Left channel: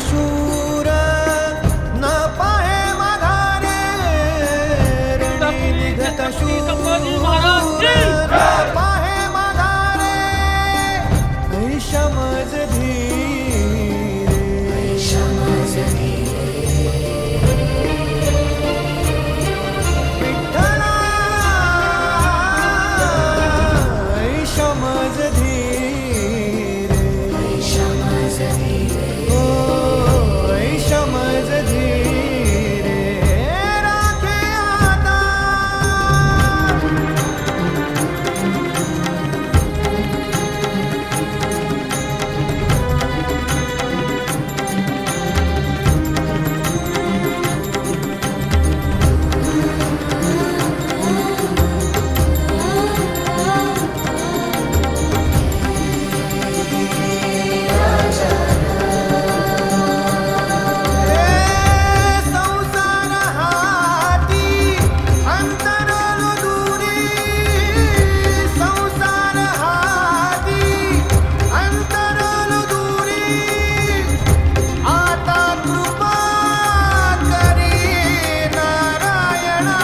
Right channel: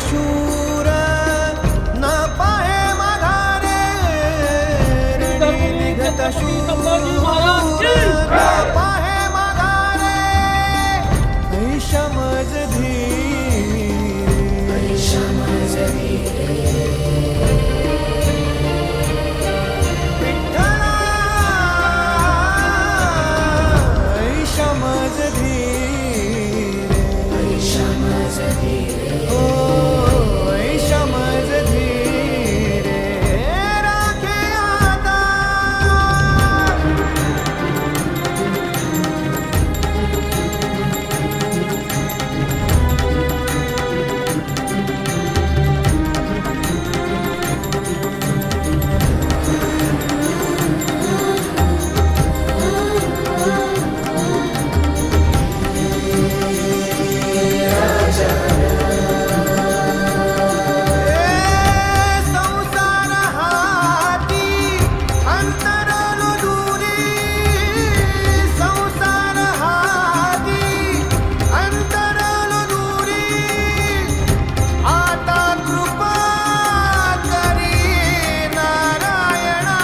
शूर न पाहे माघारे रणी निघत शूर न पाहे माघारे ऐशमज धीरे विठ्ठला ऐशमज धीरे ओ ऐशमज धीरे राखे आता संसार हाती अंतरलो दूरी संसार हाती अंतरलो दूरी आता कृपा करी नारायणा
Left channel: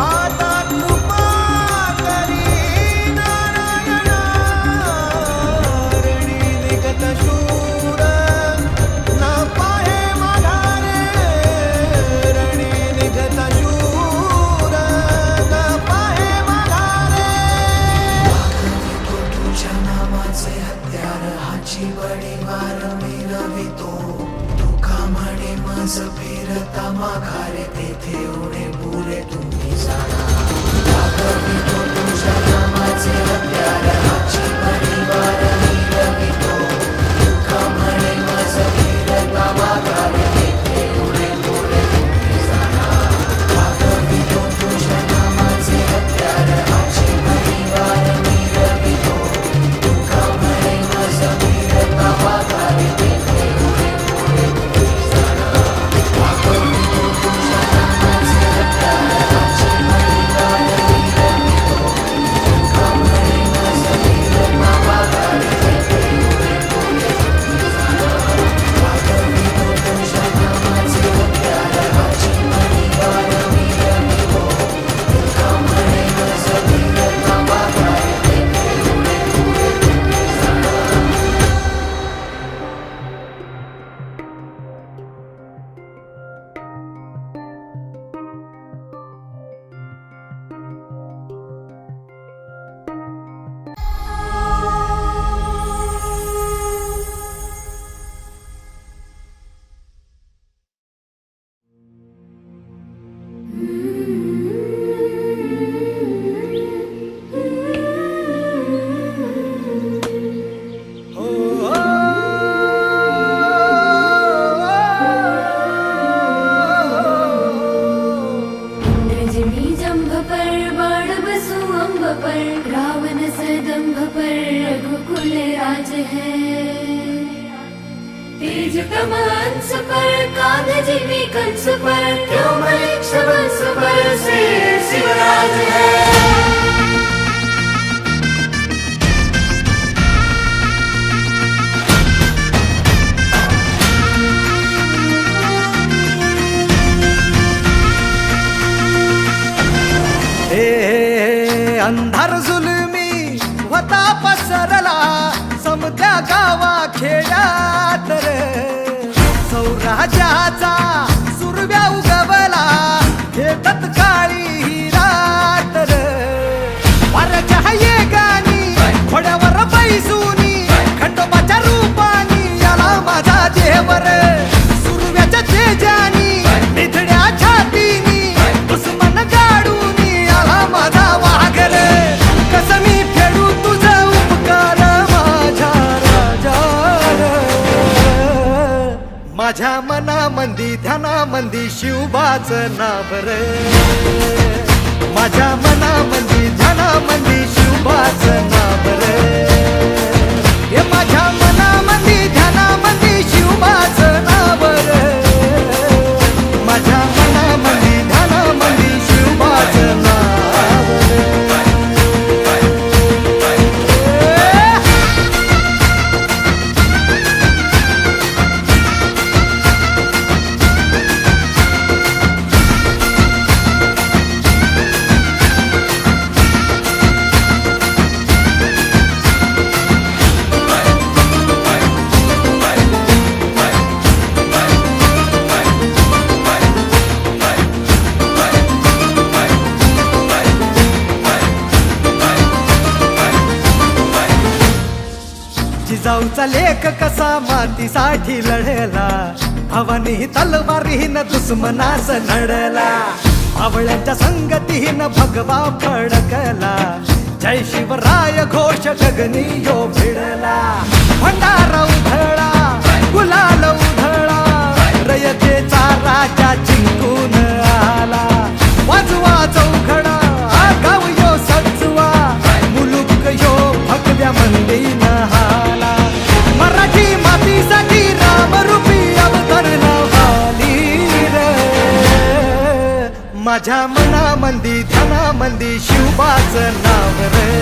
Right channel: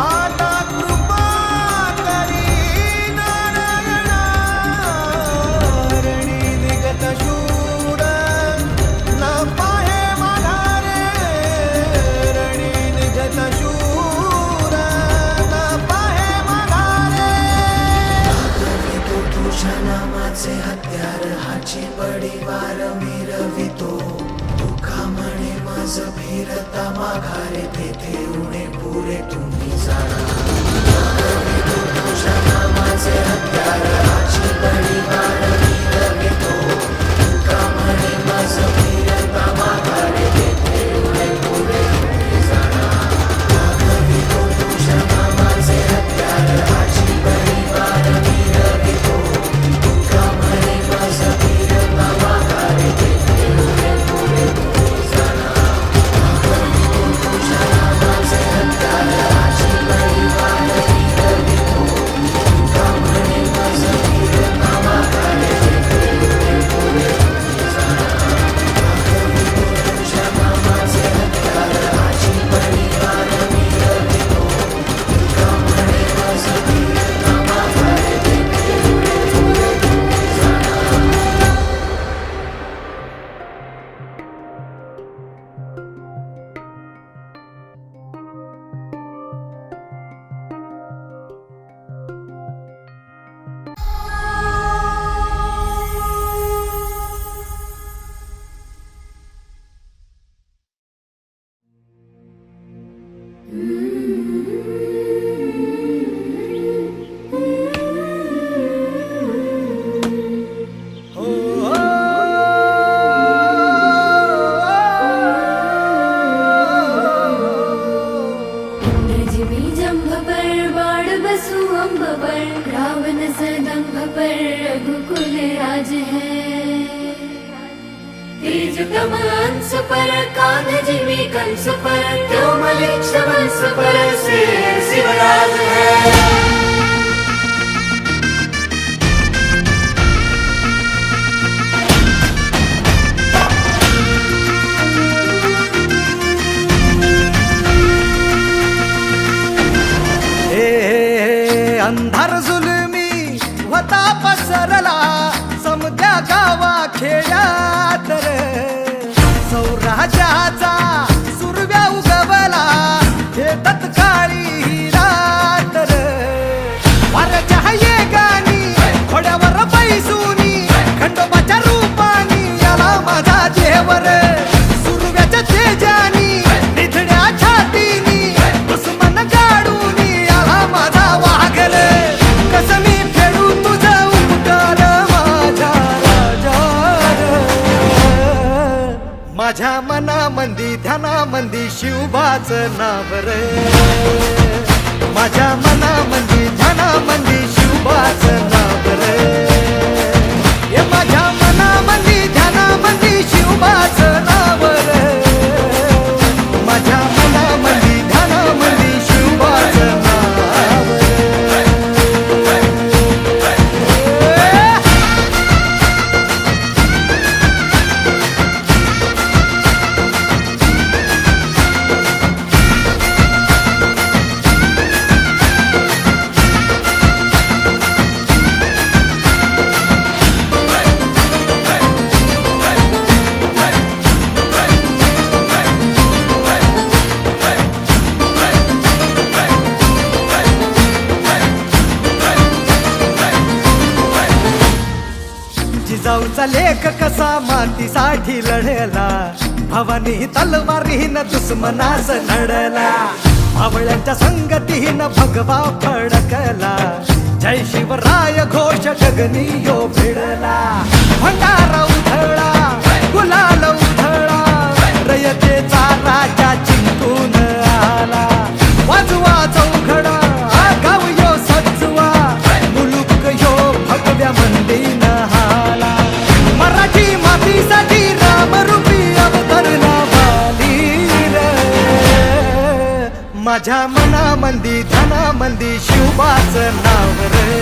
आता कृपा करी नारायणा रणी निघत शूर न पाहे माघारे रणी निघत शूर न पाहे माघारे तो तुझ्या नामाचे हत्यार हाची बडी वार मिरवितो तुका म्हणे मज फिरता माघारे तेथे उणे पुरे तुम्ही जाणा तो तुझ्या नामाचे हत्यार हाची बडी वार मिरवितो तुका म्हणे मज फिरता माघारे तेथे उणे पुरे तुम्ही जाणा तो तुझ्या नामाचे हत्यार हाची बडी वार मिरवितो तुका म्हणे मज फिरता माघारे तेथे उणे पुरे तुम्ही जाणा तो तुझ्या नामाचे हत्यार हाची बडी वार मिरवितो तुका म्हणे मज फिरता माघारे तेथे उणे पुरे तुम्ही जाणा तो तुझ्या नामाचे हत्यार हाची बडी वार मिरवितो तुका म्हणे मज फिरता माघारे तेथे उणे पुरे तुम्ही जाणा हो रजनी जंभ पर बाण बसु अम्ब पर रावण सदंभ पर रघुकुल राज है तेज कमल अंश पर कांध जीवी कंस पर त्यों मलिक्ष वंश पर से शिवराज है अंधार जुलमी होता पसरला समद्या गावा खेड्यात रे सौराज्याचा सुरव्या उगवला हे तत्काळी ही रात रे वाऱ्याच्या येगानी घोड्यावर बैसूनी खंडोबाच्या रूपानी याला माझा देवर सुरव्याच्या तेजानी निधड्या छातीनी दुश्मन गाडूनी याला माझा वाघर कस मी फेडू तुझा उपकार माझ्या राजार माझ्या मनामंदी ध्यानामंदी शिवबाच नाव रे माझ्या मनामंदी ध्यानामंदी शिवबाच नाव रे हे माझ्या मनामंदी ध्यानामंदी शिवबाच नाव रे माझ्या मनामंदी ध्यानामंदी शिवबाच नाव रे जिजाऊचा लेख कसा मातीसाठी लढला, भवानी तलवारीनं दुश्मनास नडला, आवळ्यांच्या संगतीनं भगवा फडकला, जय शिवराय घोष गगनी यो भिडला, भंडारा उधळा गुलाल उधळा, रयतेचा राजा जिंकून आला, वाजवा चौघडा गाव यो सजवा, मुलुक यो भगव्या मंदीन हाला, मराठी मातीसाठी रामरूपी अवतरला वाली रे, माझ्या मनामंदी ध्यानामंदी शिवबाचं नाव रे,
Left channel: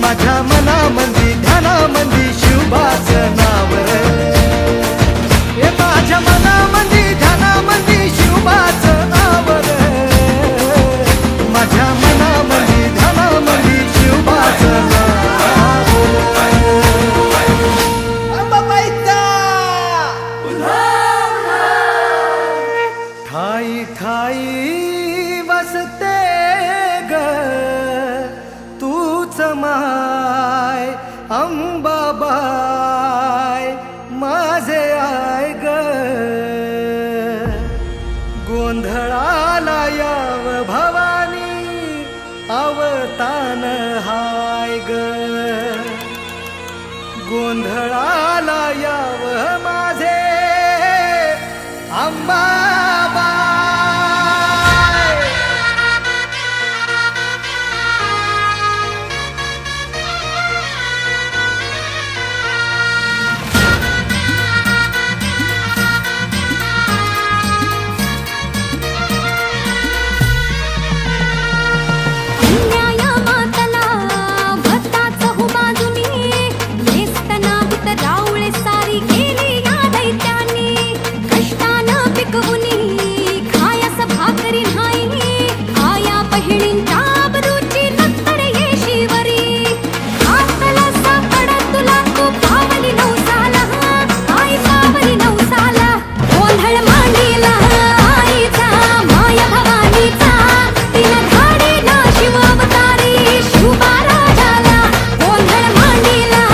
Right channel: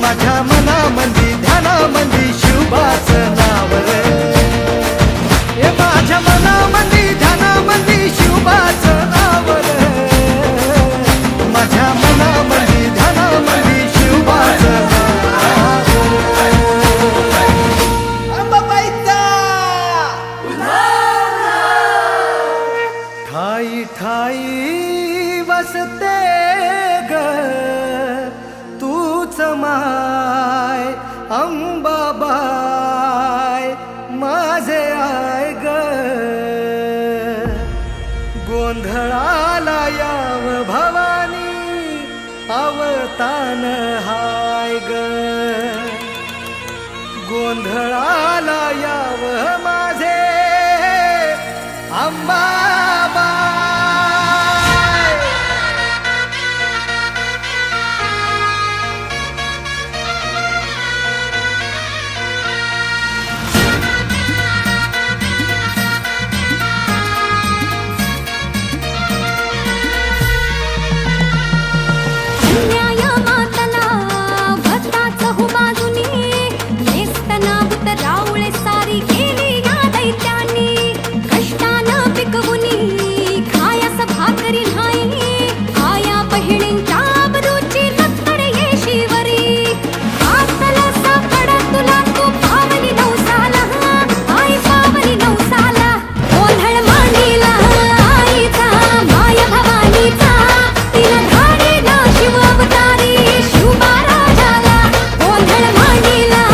माझ्या मनामंदी ध्यानामंदी शिवबाचं नाव रे, हे माझ्या मनामंदी ध्यानामंदी शिवबाचं नाव रे, माझ्या मनामंदी ध्यानामंदी शिवबाचं नाव रे. अंबाबाईचा ठाई ठाई वसते ग तूच माय अंबाबाई माझे आय ग, गोंधळाला याव भवानी अवतान हाय ग, गोंधळाला याव माझे अंबाबाई. रावळे सारी केली या दैत्यांनी, कष्टानं पिकवुनी खायास भाकरी नाही, आया बहिणींच्या आबरूची नंतर येशीवरी, हातला सापड तुला तू पावली नवसाला, आई पावली नवसाला, गोंधळ मांडीला आईचा माया भवानीचा, तिला धाडीला शिव अवतारी शिवबा राजाला, गोंधळ मांडीला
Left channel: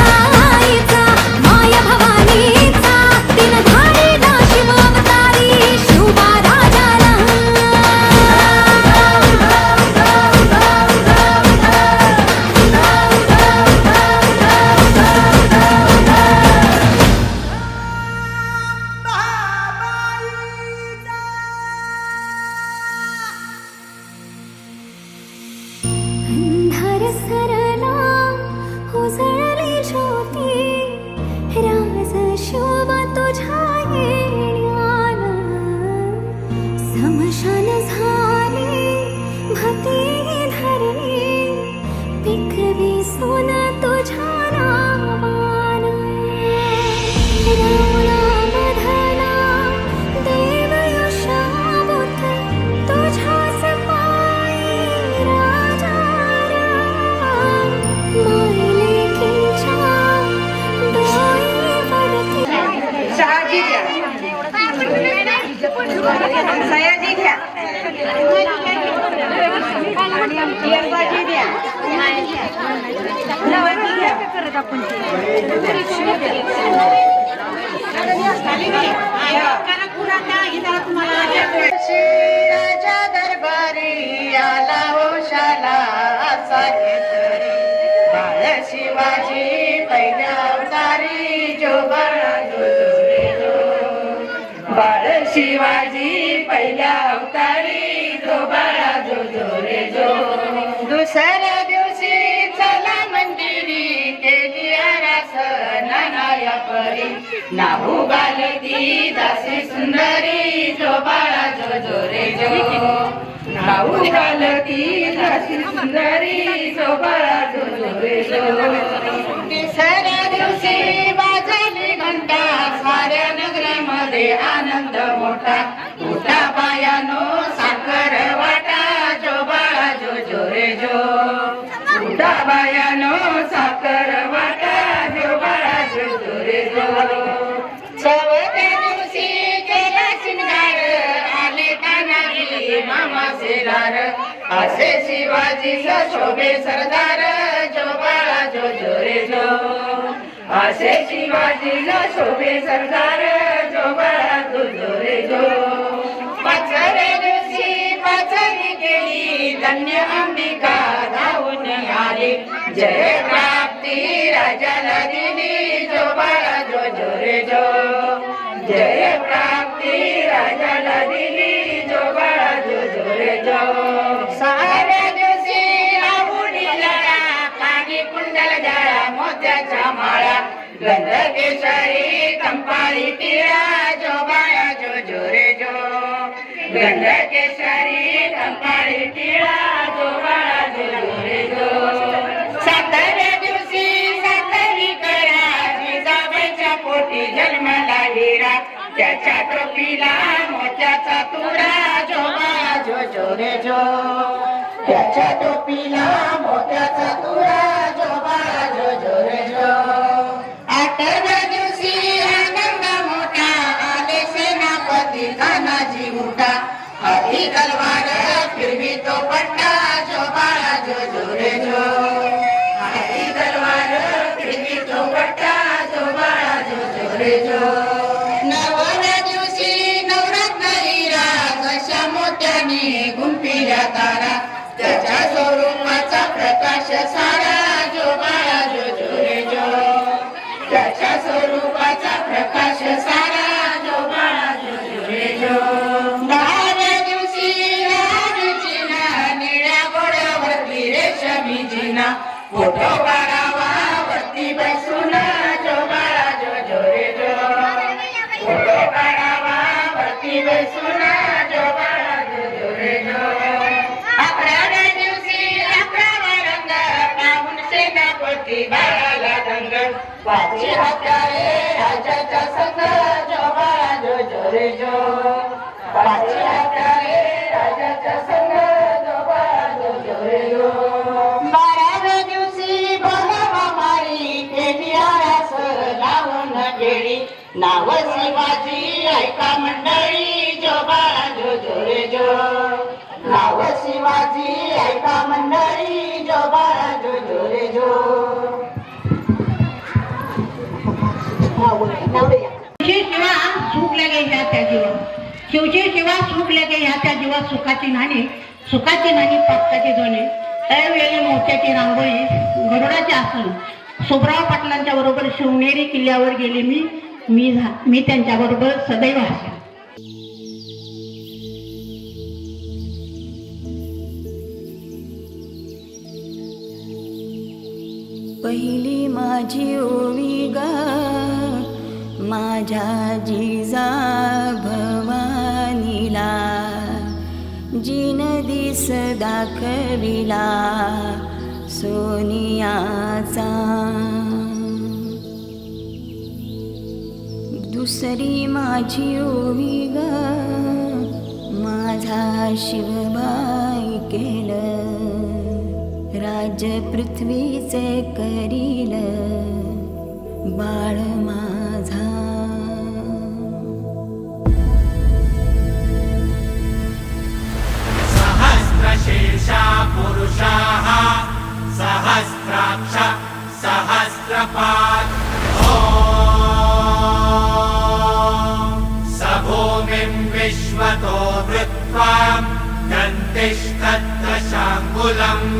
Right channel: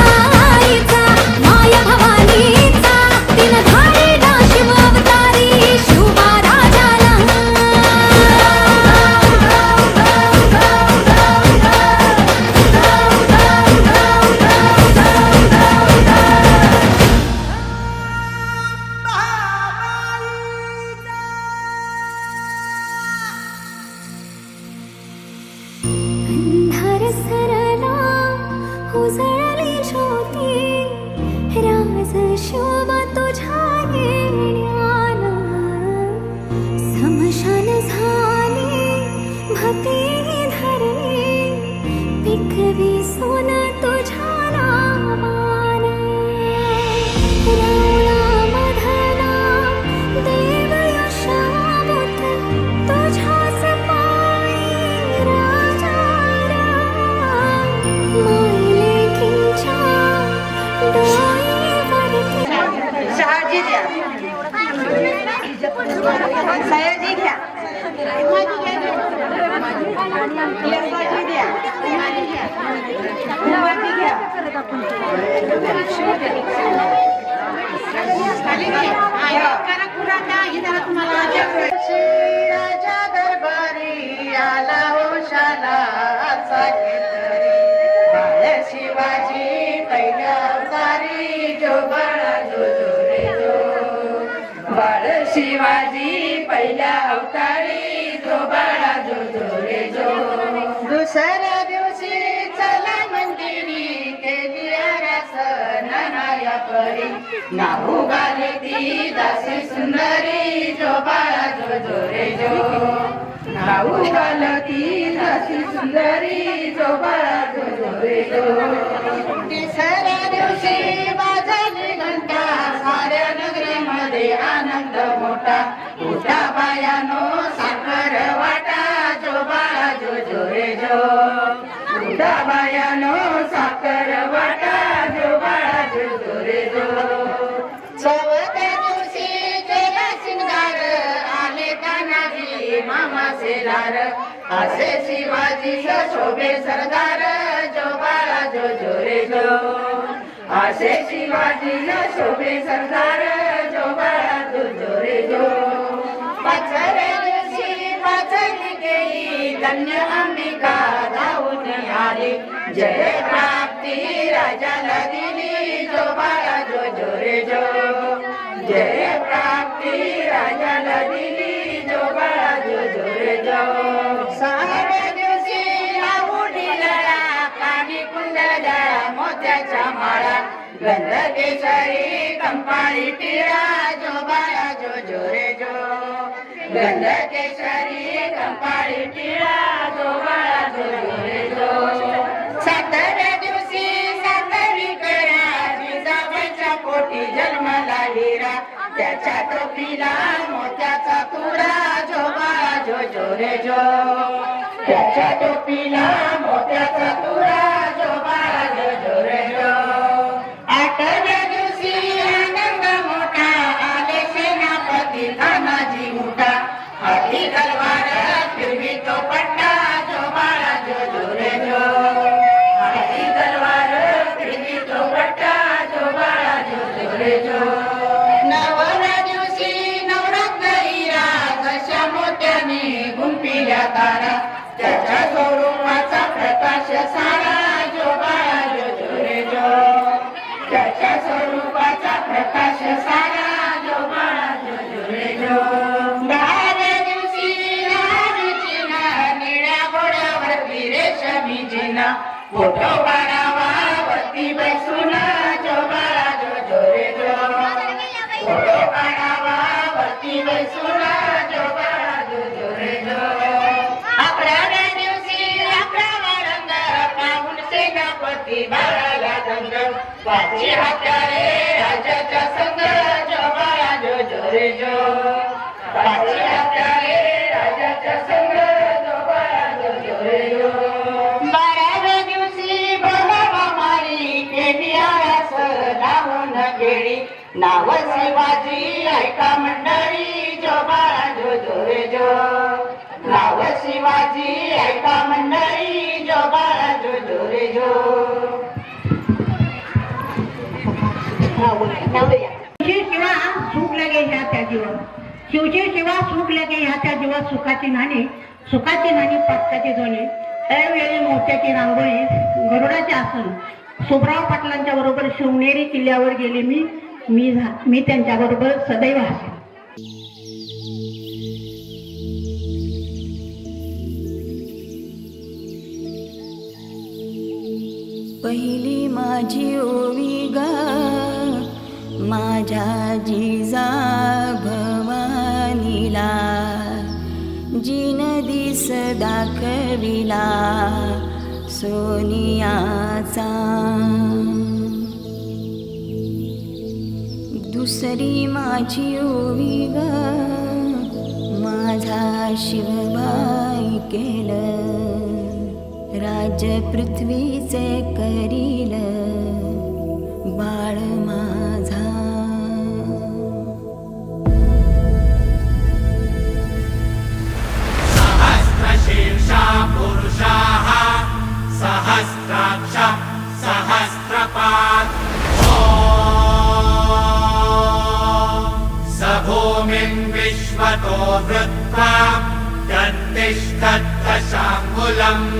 भवानीचा, तिला धाडीला शिव अवतारी शिवबा राजाला. अंधार सरला उजळली ज्योती, राज शोभा तुझ्या येण्यानं, समशान झाली भती धरली, पिकवी सोन तुझ्या नावानं, रावळा मधला देव यशावत तुझ्याच पायी राजा राम, मायलेकींच्या डोळ्यावरती शहाजी घ्या, सयाजी घ्या, यशाजी घ्या, उमाजी घ्या, राजा दरबारी आला होशाला असा घेतरी, बाळ शिवाजी पहिल्या अवतारी जो बाळा जो रे जो, बाळ शिवाजी पहिल्या अवतारी जो बाळा जो रे जो, दुसऱ्या दिवशी चला मंदिरी केली आरास नानाया परी, नाहू गाली ती दासी सुंदरी जो बाळा जो रे जो, नाहू गालती दासी सुंदरी जो बाळा जो रे जो, तिसऱ्या दिवशी वाजली घंटा साऱ्या नगरीमध्ये आनंद मोठा, मोठा बायानो साखर वाटा जो बाळा जो रे जो, मोठा बायानो साखर वाटा जो बाळा जो रे जो, चौथ्या दिवशी केला शिंगार आले कानागी मामाचे जोडीदार असे शिवाजीचा शोभे सरदार जो बाळा जो जो रे जो असे शिवाजीला शोभे सरदार जो बाळा जो जो रे जो पाचरे दिवशी पाचरी गेली धन्य अंबिका धावून आली जय प्राप्ती राजाला दिली जो बाळा जो जो रे जो जय प्राप्ती राजाला दिली जो बाळा जो जो रे जो सहाव्या दिवशी लावून लळा कानी कुंडल जळा मोत्याच्या माळा गंध केशरी कंपाळी टिळा जो बाळा जो जो रे जो गंध केशरी कंपाळी टिळा जो बाळा जो जो रे जो सातव्या दिवशी सातवी कळा जिजाबाईच्या पोटी जन्मला हिरा त्याच्या टोपीला मोत्याचा तुरा जो बाळा जो जो रे जो त्याच्या टोपीला मोत्याचा तुरा जो बाळा जो जो रे जो आठव्या दिवशी आनंद मोठा आले सेनापती तानाजी मोठा हाती तलवार फिरवी तो पट्टा जो बाळा जो जो रे जो हाती तलवार फिरवी तो पट्टा जो बाळा जो जो रे जो नवव्या दिवशी नवरत्न हिरा कशा मोत्याने गुंफिल्या तारा त्याच्या स्वरूपाचा प्रकाश सारा जो बाळा जो जो रे जो त्याच्या स्वरूपाचा प्रकाश सारा जो बाळा जो जो रे जो दहाव्या दिवशी रामचीना निळ्या घोड्यावरती रेशमी जिना फोटो काढावा वरती बैसून जो बाळा जो जो रे जो फोटो काढावा वरती बैसून जो बाळा जो जो रे जो अकराव्या दिवशी अकरावा रंग पाहून सेनापती बाळाला दंग वाची हत्यारे राजाच्या संग जो बाळा जो जो रे जो वाची हत्यारे राजाच्या संग जो बाळा जो जो रे जो बाराव्या दिवशी बोलावा मारी केली आळस लावून गेली नाव शिवाजी ऐका मंडळी जो बाळा जो जो रे जो नाव शिवाजी ऐका मंडळी जो बाळा जो जो रे जो शिवा सुख लगे ह्या त्या जीवा शिवचे शिवा सुख लगे ह्या त्या जीवा सुखाची नाणी पाटकाची जोडली त्यावेळी मोत्याची रांगोळी गरुडाचे आसन सुभराव पाटलांच्या बरोबर शिवनेरी किल्ल्यावर गेले मी त्यांच्या बरोबर सदैव असेल. पहिली माझी ओवी ग माझ्या जिजा भवानीला जिन दिस दाखविला सोनियाचा दुसरी माझी ओवी ग माझा शिवबाई केलं राज्य पृथ्वीचे करील बाळ माझा सहस्रशीर्षा पुरुषाः सहस्राक्ष सहस्रपात् स भूमिं विश्वतो वृत्वा गन्तिष्ठद्दशाङ्गुलम्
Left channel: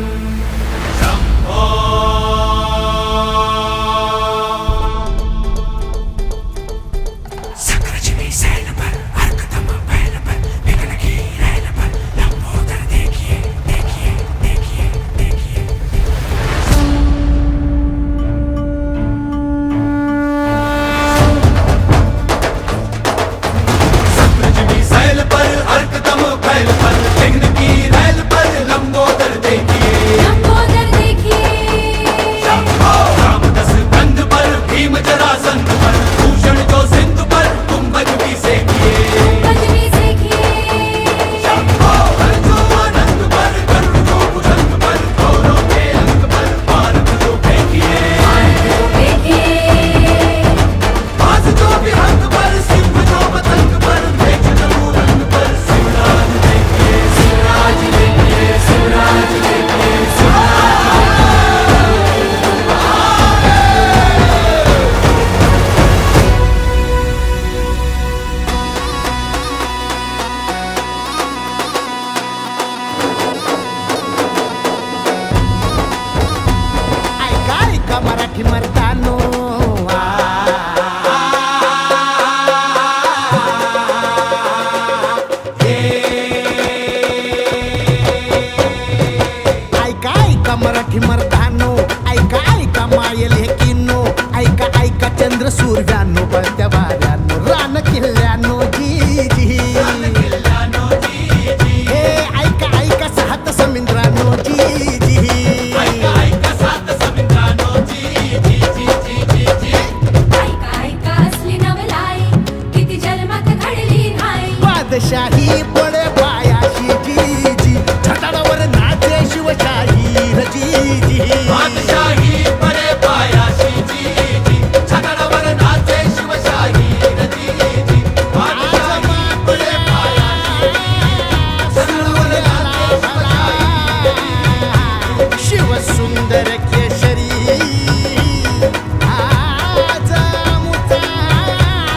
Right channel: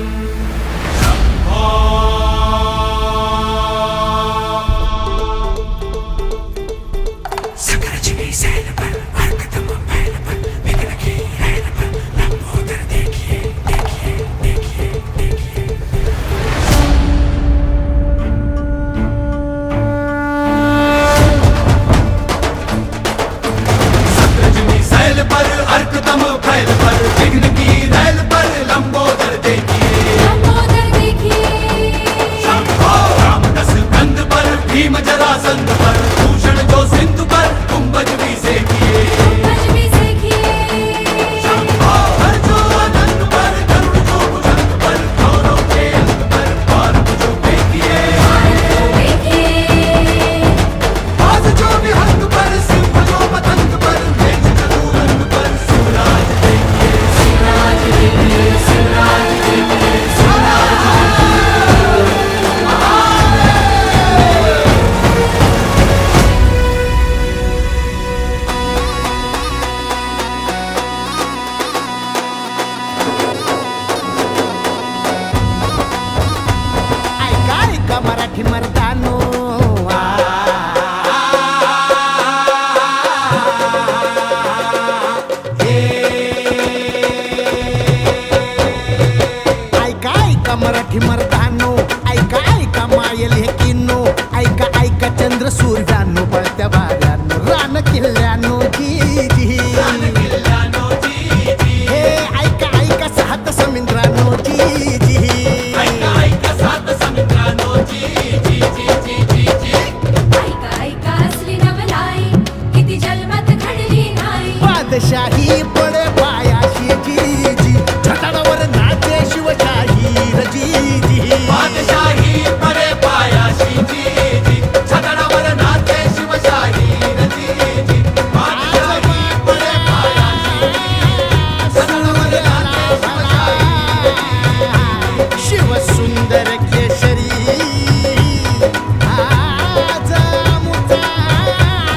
लंबोदर देखिए मराठी मर्दानो ऐका ऐका मराठी मर्दानो ऐका ऐका मायल हे किनो ऐका ऐका चंद्र सूर्यानो बळत्या वाऱ्यानो रान किल्ल्यानो जी जी हे ऐका ऐका सात समुद्रानो जी जी बादशाही पडे पायाशी जी जी छताडावर नाचे शिवशाही जी जी बादशाही परे पायाशी जी जी छताडावर नाचे शिवशाही जी जी बादशाही परे शिव सुंदर केशरी आज मुचा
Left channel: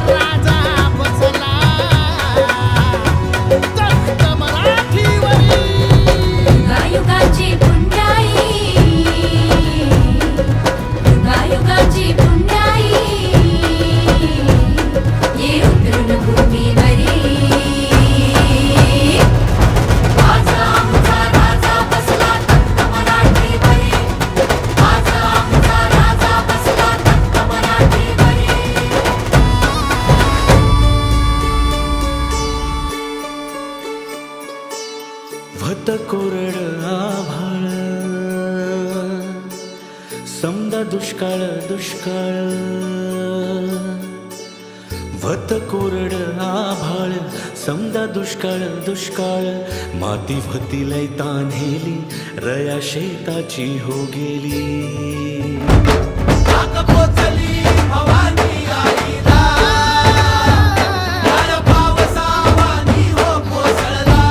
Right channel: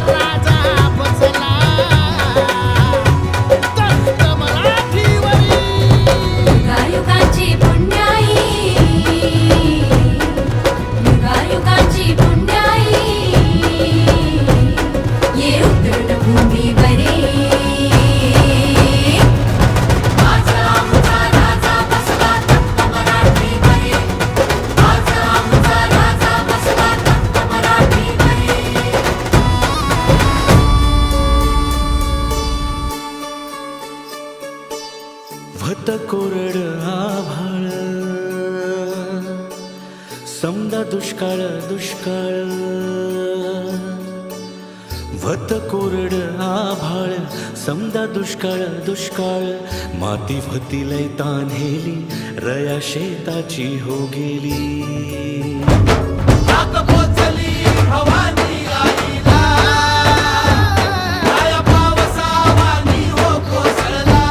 राजा बसला तख्त मराठीवरी युगायुगाची पुण्याई युगायुगाची पुण्याई ये उतरून भूमीवरी आज आमचा राजा बसला तख्त मराठीवरी आज आमचा राजा बसला तख्त मराठीवरी भत कोरड आभाळ समदा दुष्काळ दुष्काळ भत कोरड आभाळ समदा दुष्काळ दुष्काळ माती भती लय तान्हेली रया शेताची हो गेली आत पोचली भवानी आईला काय पावसावानी हो कोसळला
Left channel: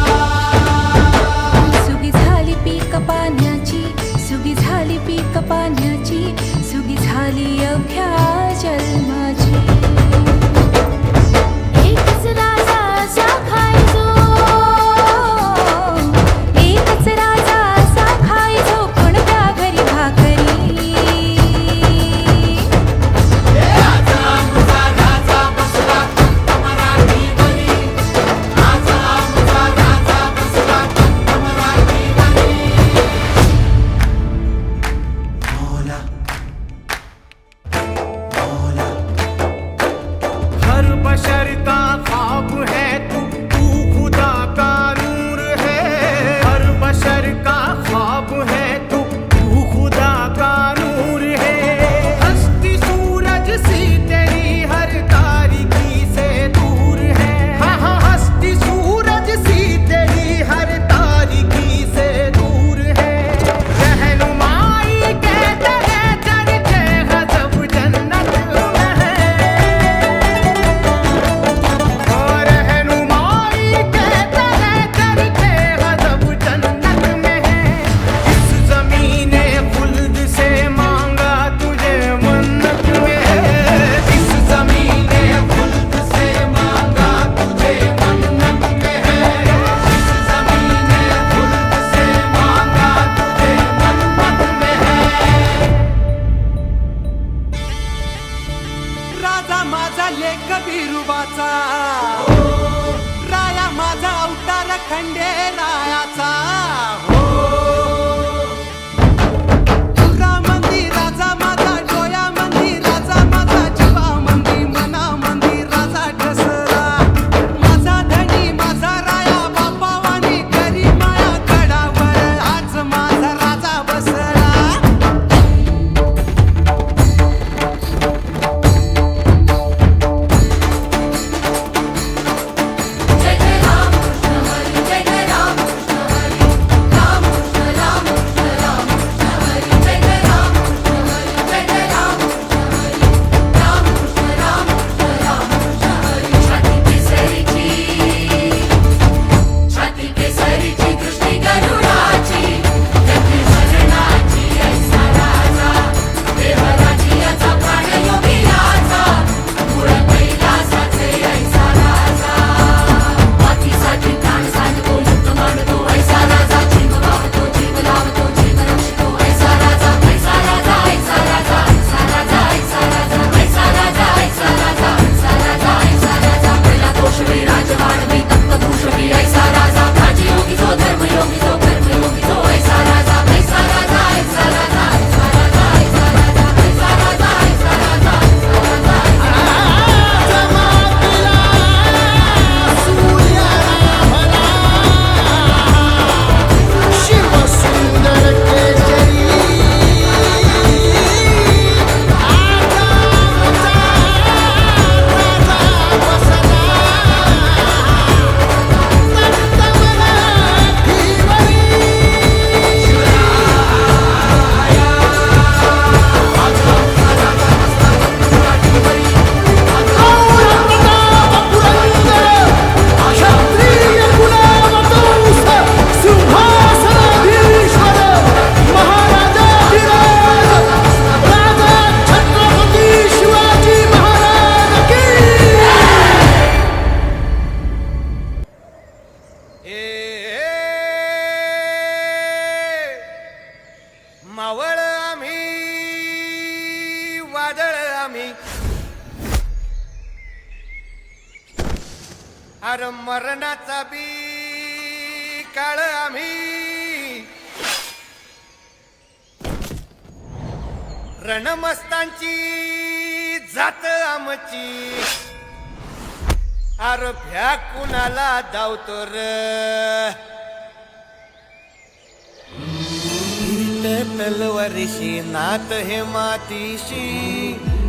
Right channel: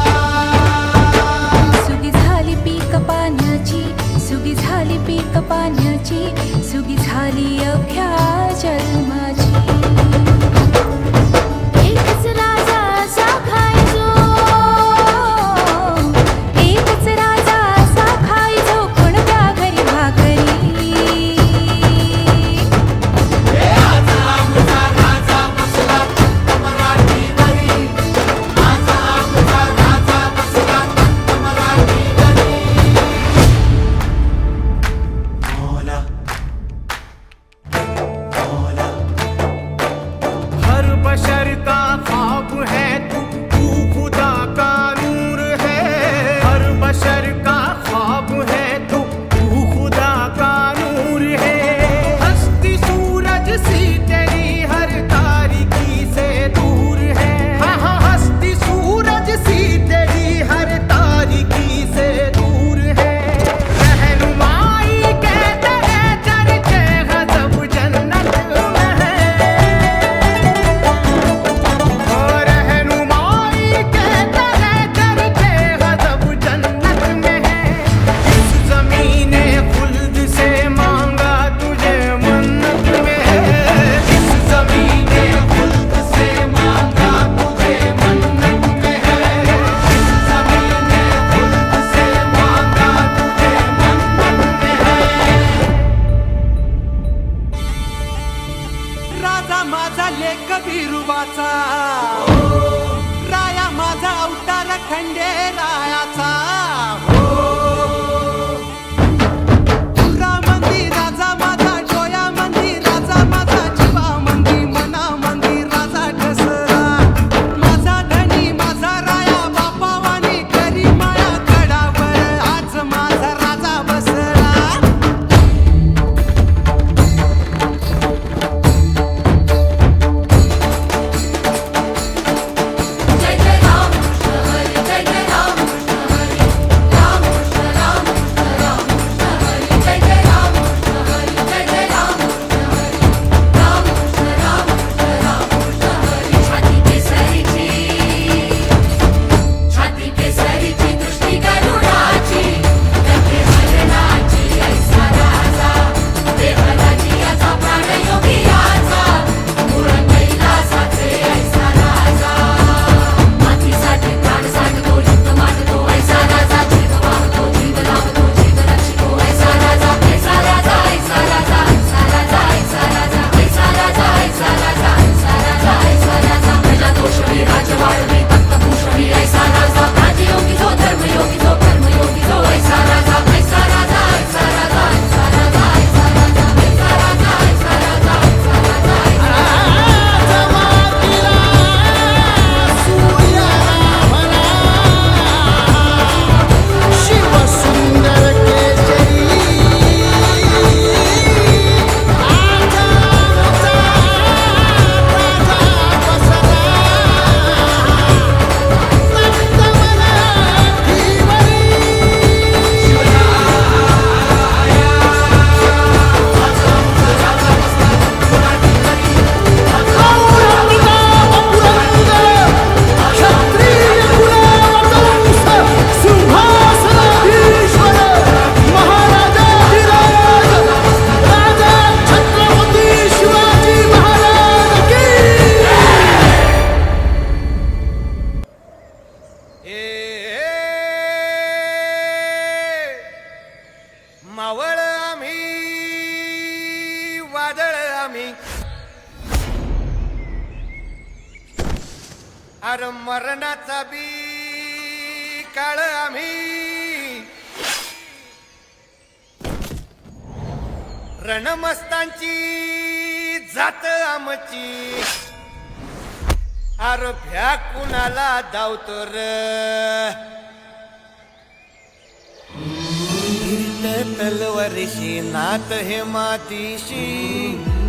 सुगी झाली पीक पाण्याची सुगी झाली पीक पाण्याची सुगी झाली अख्या जन्माची एकच राजा असा खायचो एकच राजा असा खायचो कोणत्या घरी भाकरी आज आमचा राजा बसला तख्त मराठीवरी आज आमचा राजा बसला तख्त मराठीवरी मौला मौला हर बशर का ख्वाब है तू खुदा का नूर है हर बशर का ख्वाब है तू खुदा का नूर है हस्ती सूरज सी तेरी हर तारीकी से दूर है हाँ हाँ हस्ती सूरज सी तेरी हर तारीकी से दूर है रहनुमाई कहते हैं चर्चे गजब जन्नत में है और रहनुमाई कहते हैं चर्चे गजब जन्नत में है इस ज़मीने खुल्द से मांगा तुझे मन्नत में है इस ज़मीने खुल्द से मांगा तुझे मन्नत में है इस ज़मीने खुल्द से मांगा तुझे मन्नत में है राजा माझा लेक बिरुबाचा राया माझा अवतार खंडे रायाचा तुरा मंदी राजा माझा डोया मंदी राजा माझा जीवा मंदी मना मंदी राजा ठसरा माझा धनी माझा राया बापावानी करी माया गडावर आज माझा राजा बसला जय जय राम कृष्ण हरी जय जय राम कृष्ण हरी मावळ आम्ही वादळ आम्ही अरे मरणाचा बी काळ आम्ही रणमस्तांची जात आमची अरे भ्या कुणाला धावतो र तलवारीशी नात हे मातीशी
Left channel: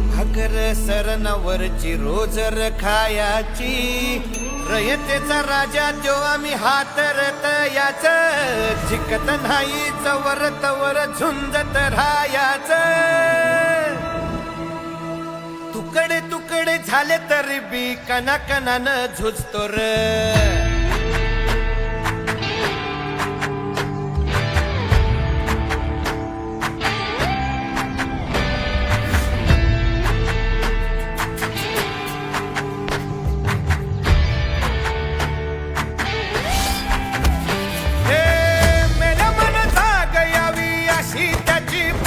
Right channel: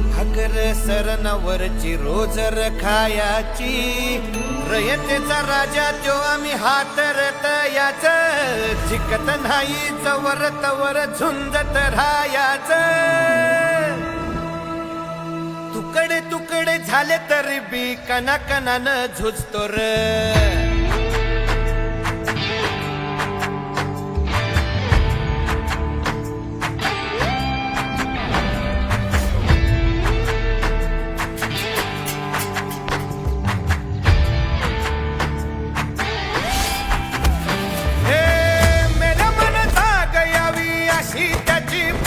भाकर सरणावरची रोजर खायाची रयतेचा राजा त्यो आम्ही हातरत याच जिकत नाही जवर तवर झुंजत राहायाच तुकडे तुकडे झाले तरी बी कणाकणानं झुजतो र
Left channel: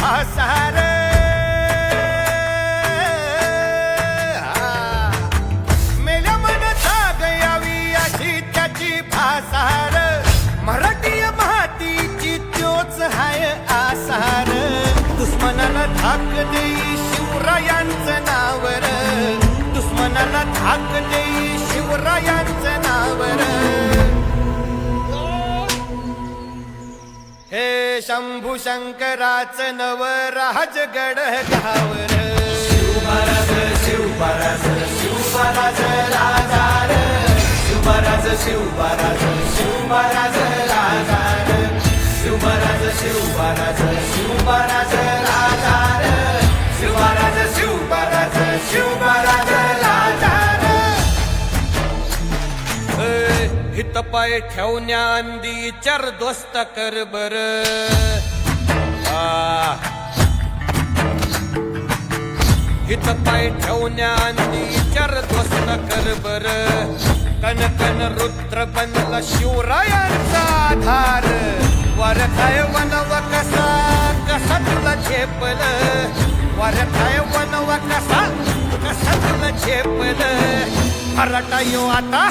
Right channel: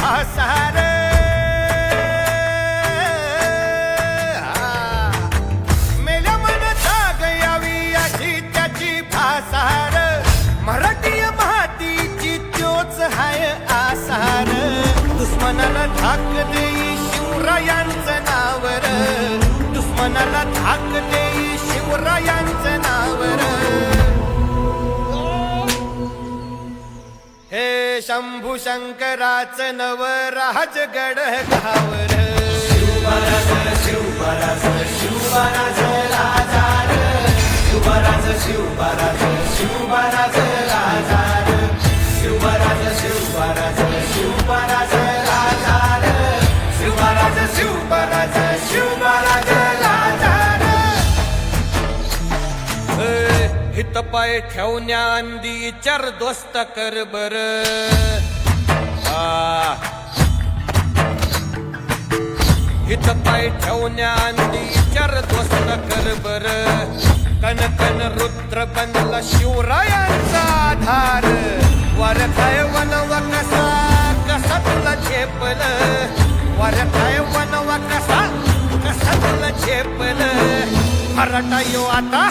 भासार मेल्या मन जाग यावी अशी त्याची भासार मराठी मातीची त्योच हाय आसार दुश्मनाला धाक देई शिवरायांचं नावर दुश्मनाला धाक देई शिवरायांचं नावर हे शंभू शंकराचं नवराजगड गावर शिवराज शिवराज शिवराज राजार शिवराज शिवराज शिवराज राजार शिवराज शिवराज शिवराज राजार शिवराज शिवराज शिवराज राजार हित पाय ठेवण्या अंदी चार दोस्त कर बर हित पाय ठेवण्या अंदी चार दोस्त कर बर कन कन रुद्र बनला शिवरायांचा आधार वर काय वनवा कसा कसा तुला झेपल वर काय वनवा कसा कसा तुला झेपल मराठा यो आता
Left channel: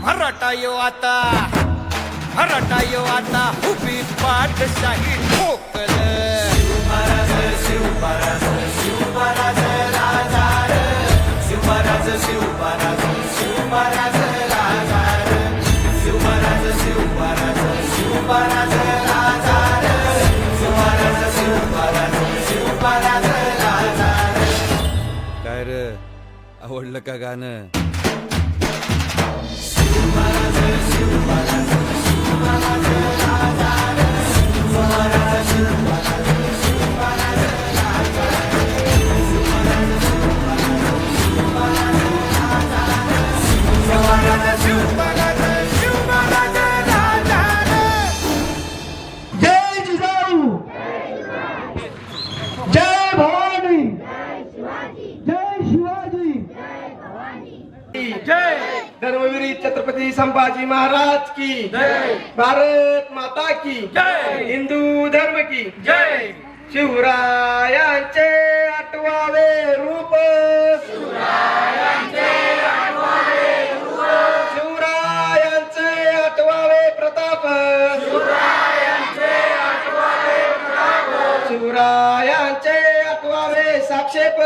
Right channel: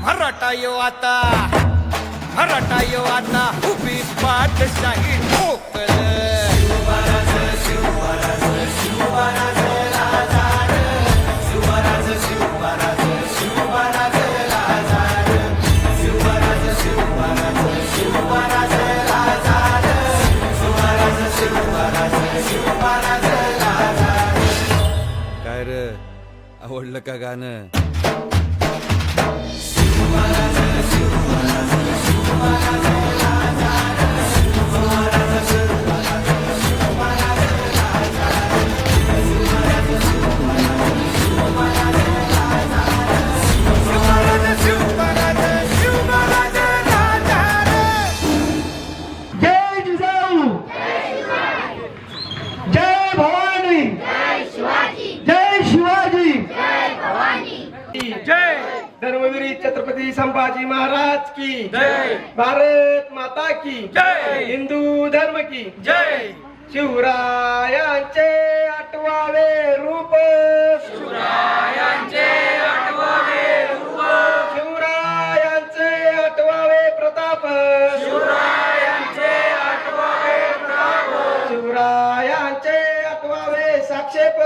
मराठा यो आता मराठा यो आता उभी पाठशाही ठोकल शिवराज शिवराज शिवराज राजार शिवराज शिवराज शिवराज राजार शिवराज शिवराज शिवराज राजार शिवराज शिवराज शिवराज राजार काय रे आवडलं का गाणं जय जिजाऊ जय भवानी जय शिवाजी जय धर्मवीर छत्रपती संभाजी महाराज की जय भारत माता की जय हिंदू धर्म की जय शिवरायांचे आठवावे रूप शिवरायांचे आठवावे रूप शिवरायांचे आठवावे प्रताप शिवरायांचे आठवावे प्रताप शिवरायांचे आठवावे साक्षेप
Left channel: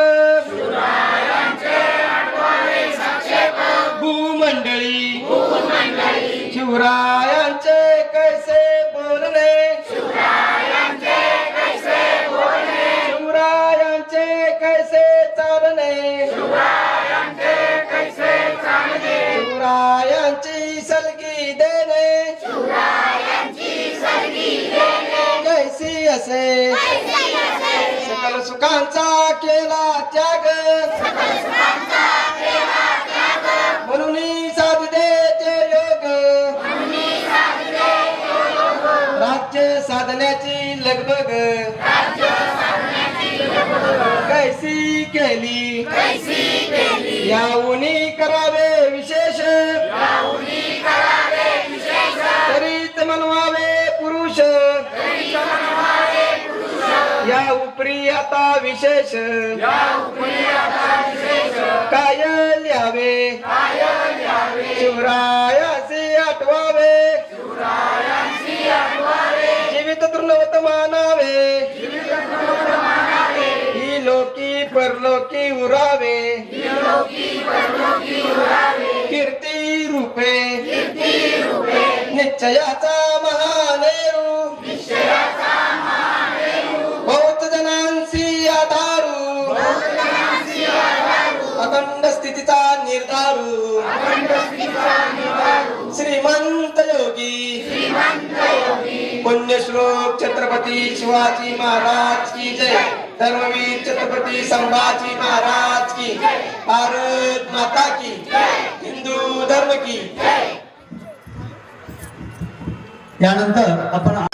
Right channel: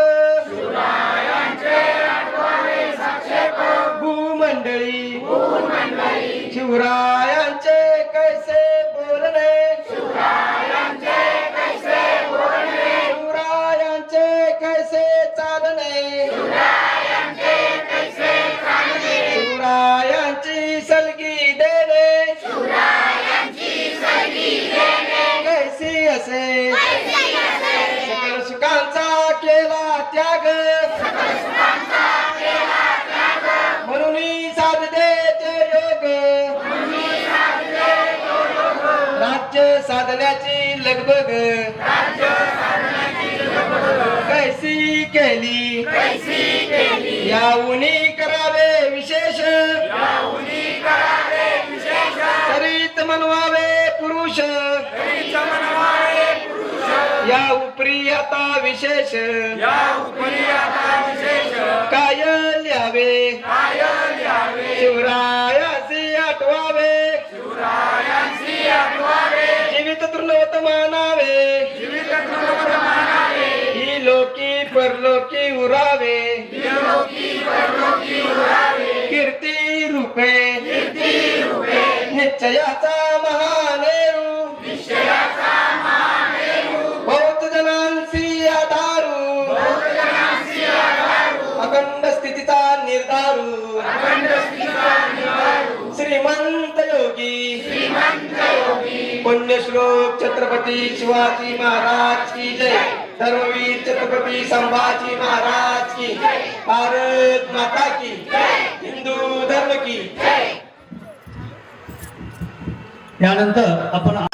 शिवरायांचे आठवावे साक्षेप भूमंडळी शिवरायांचे कैसे बोलणे शिवरायांचे कैसे बोलणे शिवरायांचे कैसे चालणे शिवरायांचे कैसे चालणे शिवरायांची सलगी देणे शिवरायांची सलगी देणे कैसी असे सकल सुखांचा केला त्याग सकल सुखांचा केला त्याग म्हणून साधते ते योग राज्य साधण्याची लगबग कैसी केली याऊनी करावे विशेष तरीत म्हणवावे पुरुष या उपरी आता विशेष काय लिहावे शिवरायाचे आठवावे जीवित तृणवत मानावे ही लोकी परलोकी उरावे कीर्ती रूपे निश्चयाचा महानेरू बहुत जनांसी आधारू अखंड स्थितीचा निर्धारू श्रीमंत योगी पुण्यश्लोक छत्रपती शिवाजी महाराज की जय धर्मवीर छत्रपती संभाजी महाराज की भारत माता की हिंदू धर्म की त्यानंतर आपण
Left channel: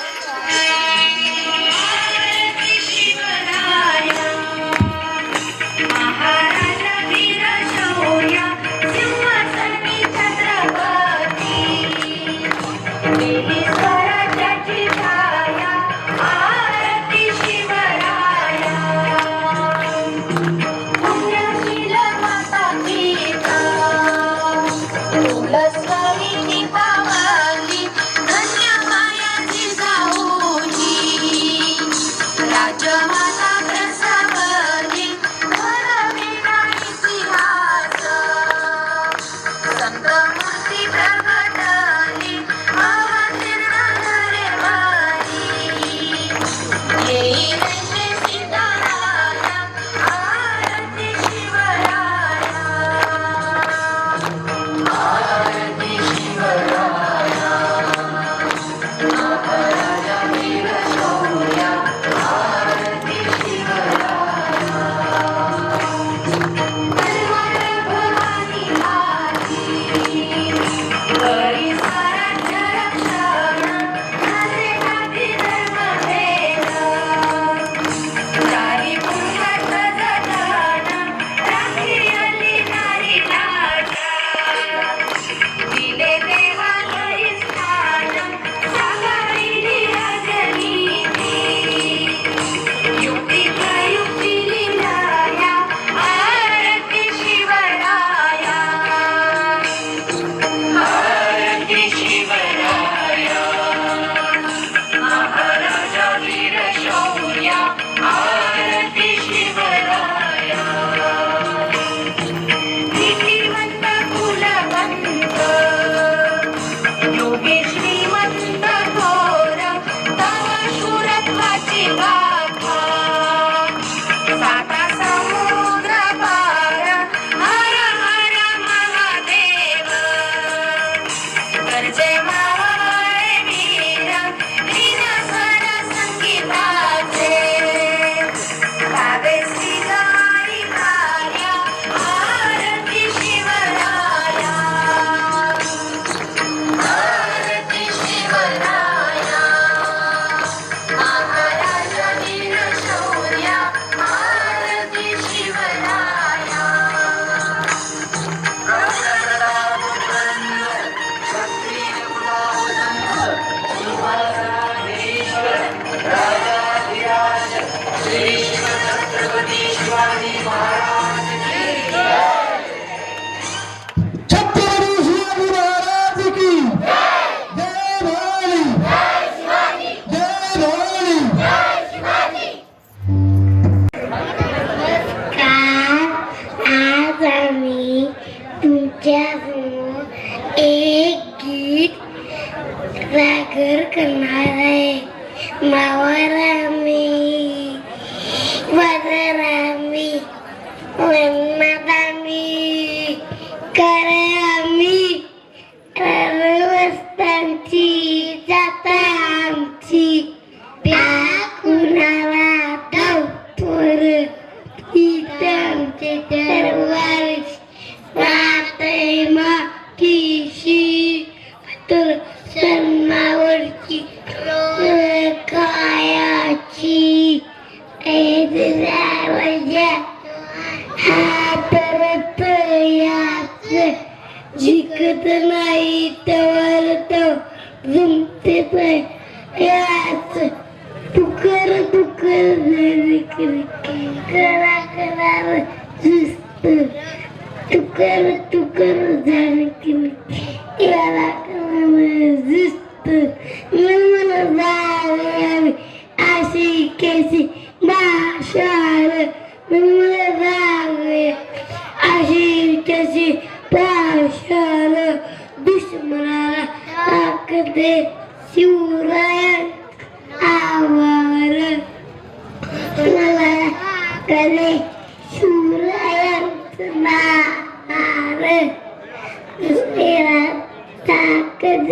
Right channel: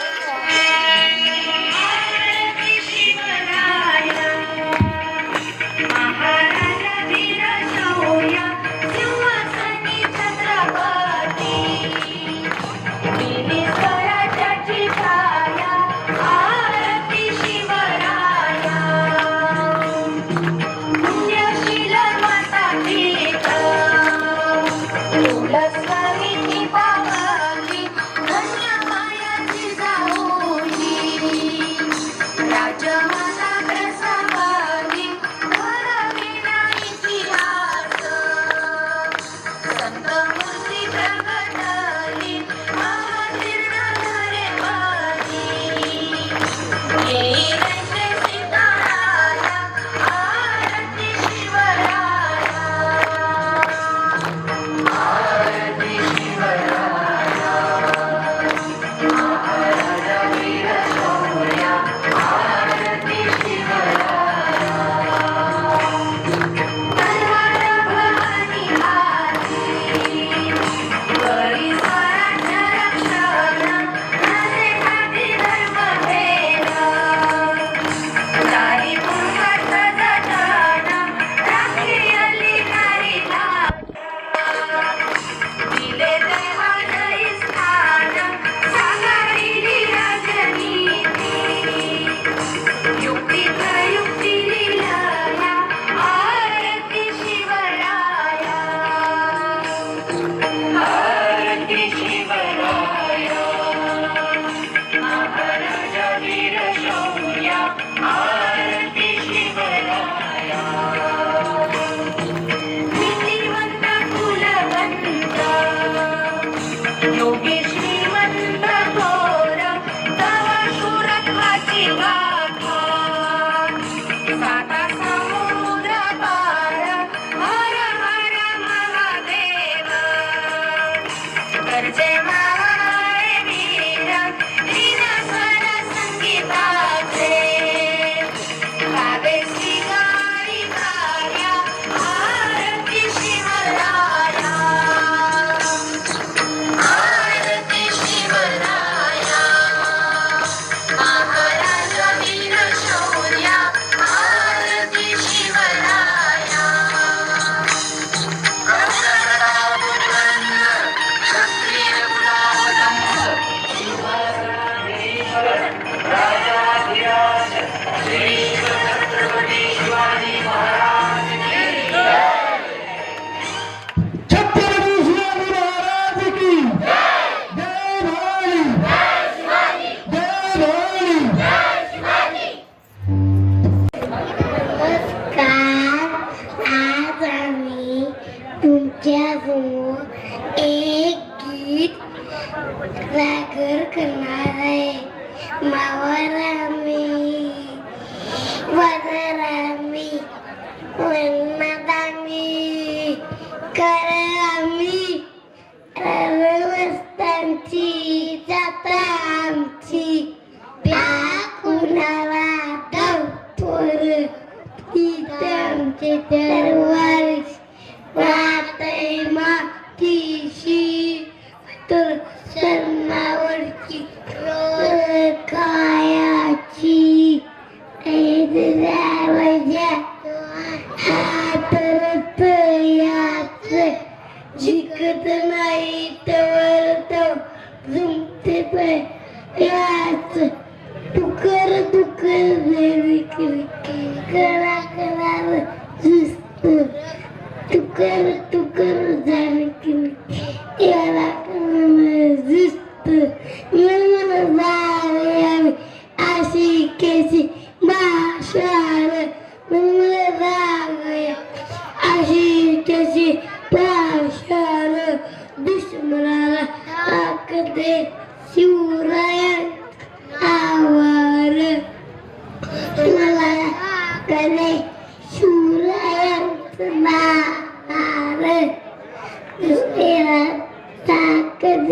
सागर करणार आहे मावरामी वनरामी वनदामी करे आम्ही रस्त्यांची जाता आमची त्या कुणाला धावतोर इथे आमचे दरवारीस राहते मातीशी तर सन्मावरची कायाची करा करार जुस्त तू कर जानकी याला जुस्त मला जावे अशी केसी माशाळ मला जावे अशी केसी पाशाळ दुश्मनाला ताकद शिवराया आवार मला करे शिवरायांचं नार दुसऱ्याला ताकद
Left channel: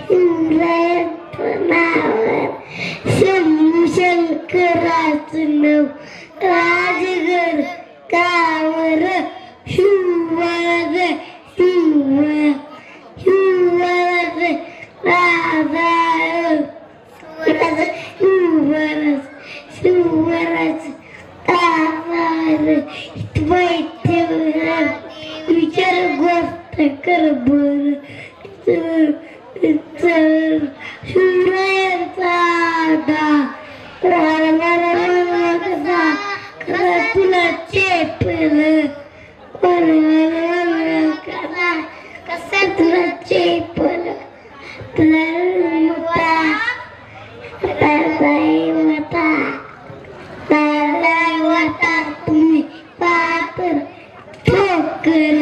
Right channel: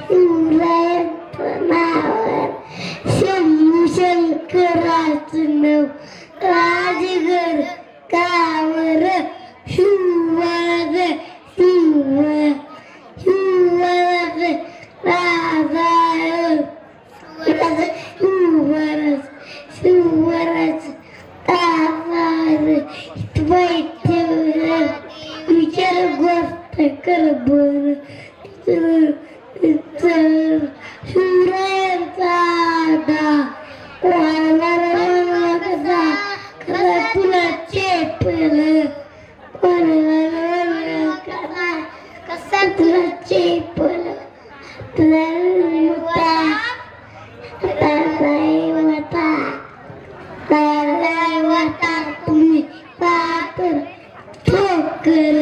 शिवरायांचं नार शंभू शंकराचं नाव राजगड कावर शिवराज शिवराज राजा शिवराज आवार विचार गोष्ट कर बर शिवरायांचा तुला चेपल कसा तुला चेपल तुम्ही पात्र ठोकर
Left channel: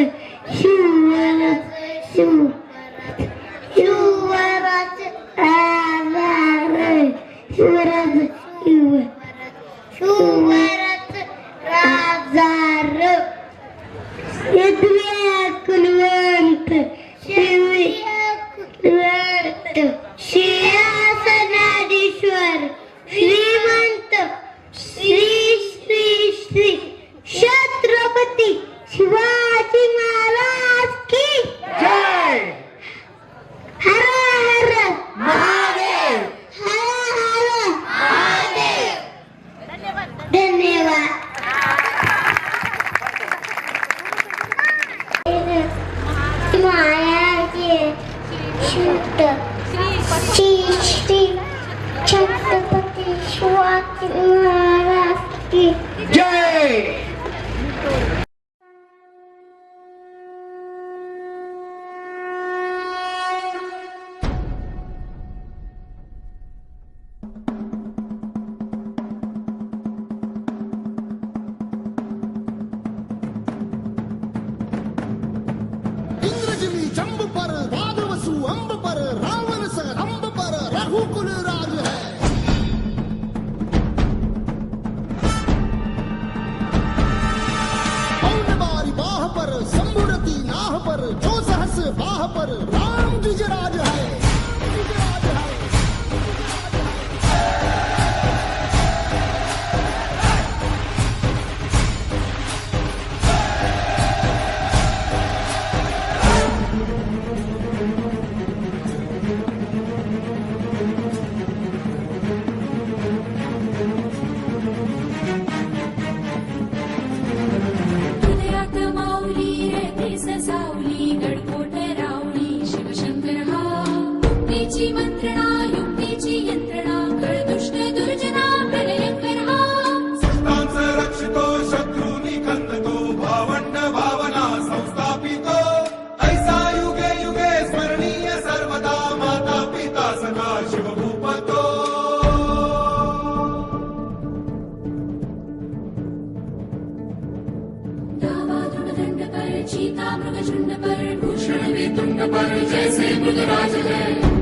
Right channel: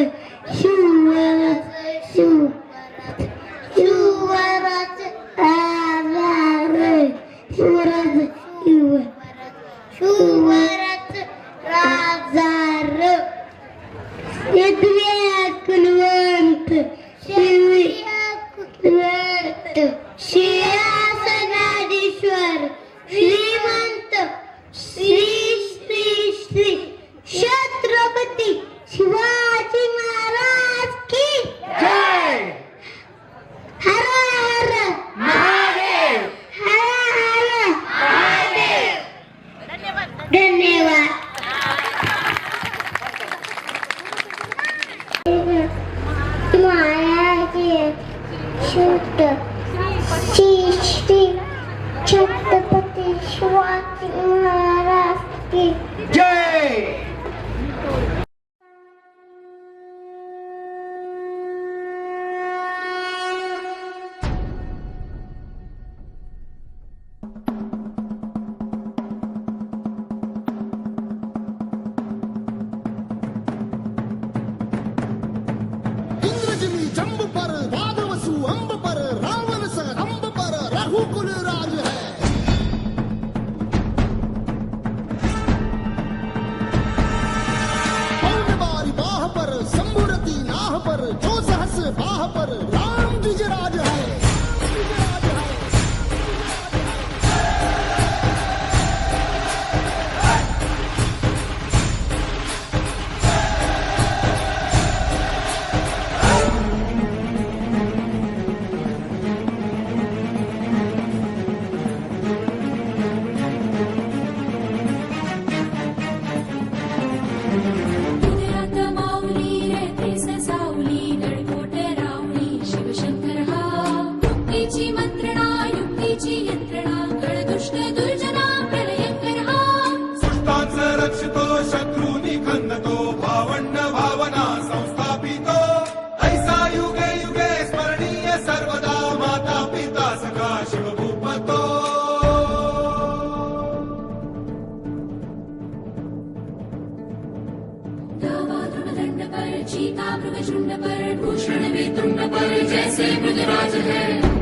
शिवराज आधार शिवराज राजार कुलवंत सिंहासनाधीश्वर श्रीमंत श्री श्री श्री छत्रपती शिवाजी महाराज की जय हर हर महादेव हर हर महादेव धन्यवाद महाराज शुद्ध श्री श्री छत्रपती शिवाजी महाराज की जय इंद्रजिमी जंब पर वादवसु अंब पर रावण स रंब पर रघुकुल राज है पौन बारी बाह पर संबुरती नाह पर जो सहस बाह पर राम द्विजराज है हृदयात माऊली रहते ससावली गडकोट रावळी शिवशंकर हा मुक्तीची मंत्रणा युक्तीची यंत्रणा कळदुष्ट दुर्जना प्रलयंकर हा सुष्टांचं रक्षितो शत्रूनी खंदतो भावंड भावना संस्थापितो ऐसा युगे युगे स्मरणीय सर्वदा माता पिता सखा शिवभूपतो धावा दृढदंड पर चीता मृगशुंड पर भूषण में तुंड पर जैसे मृगराज है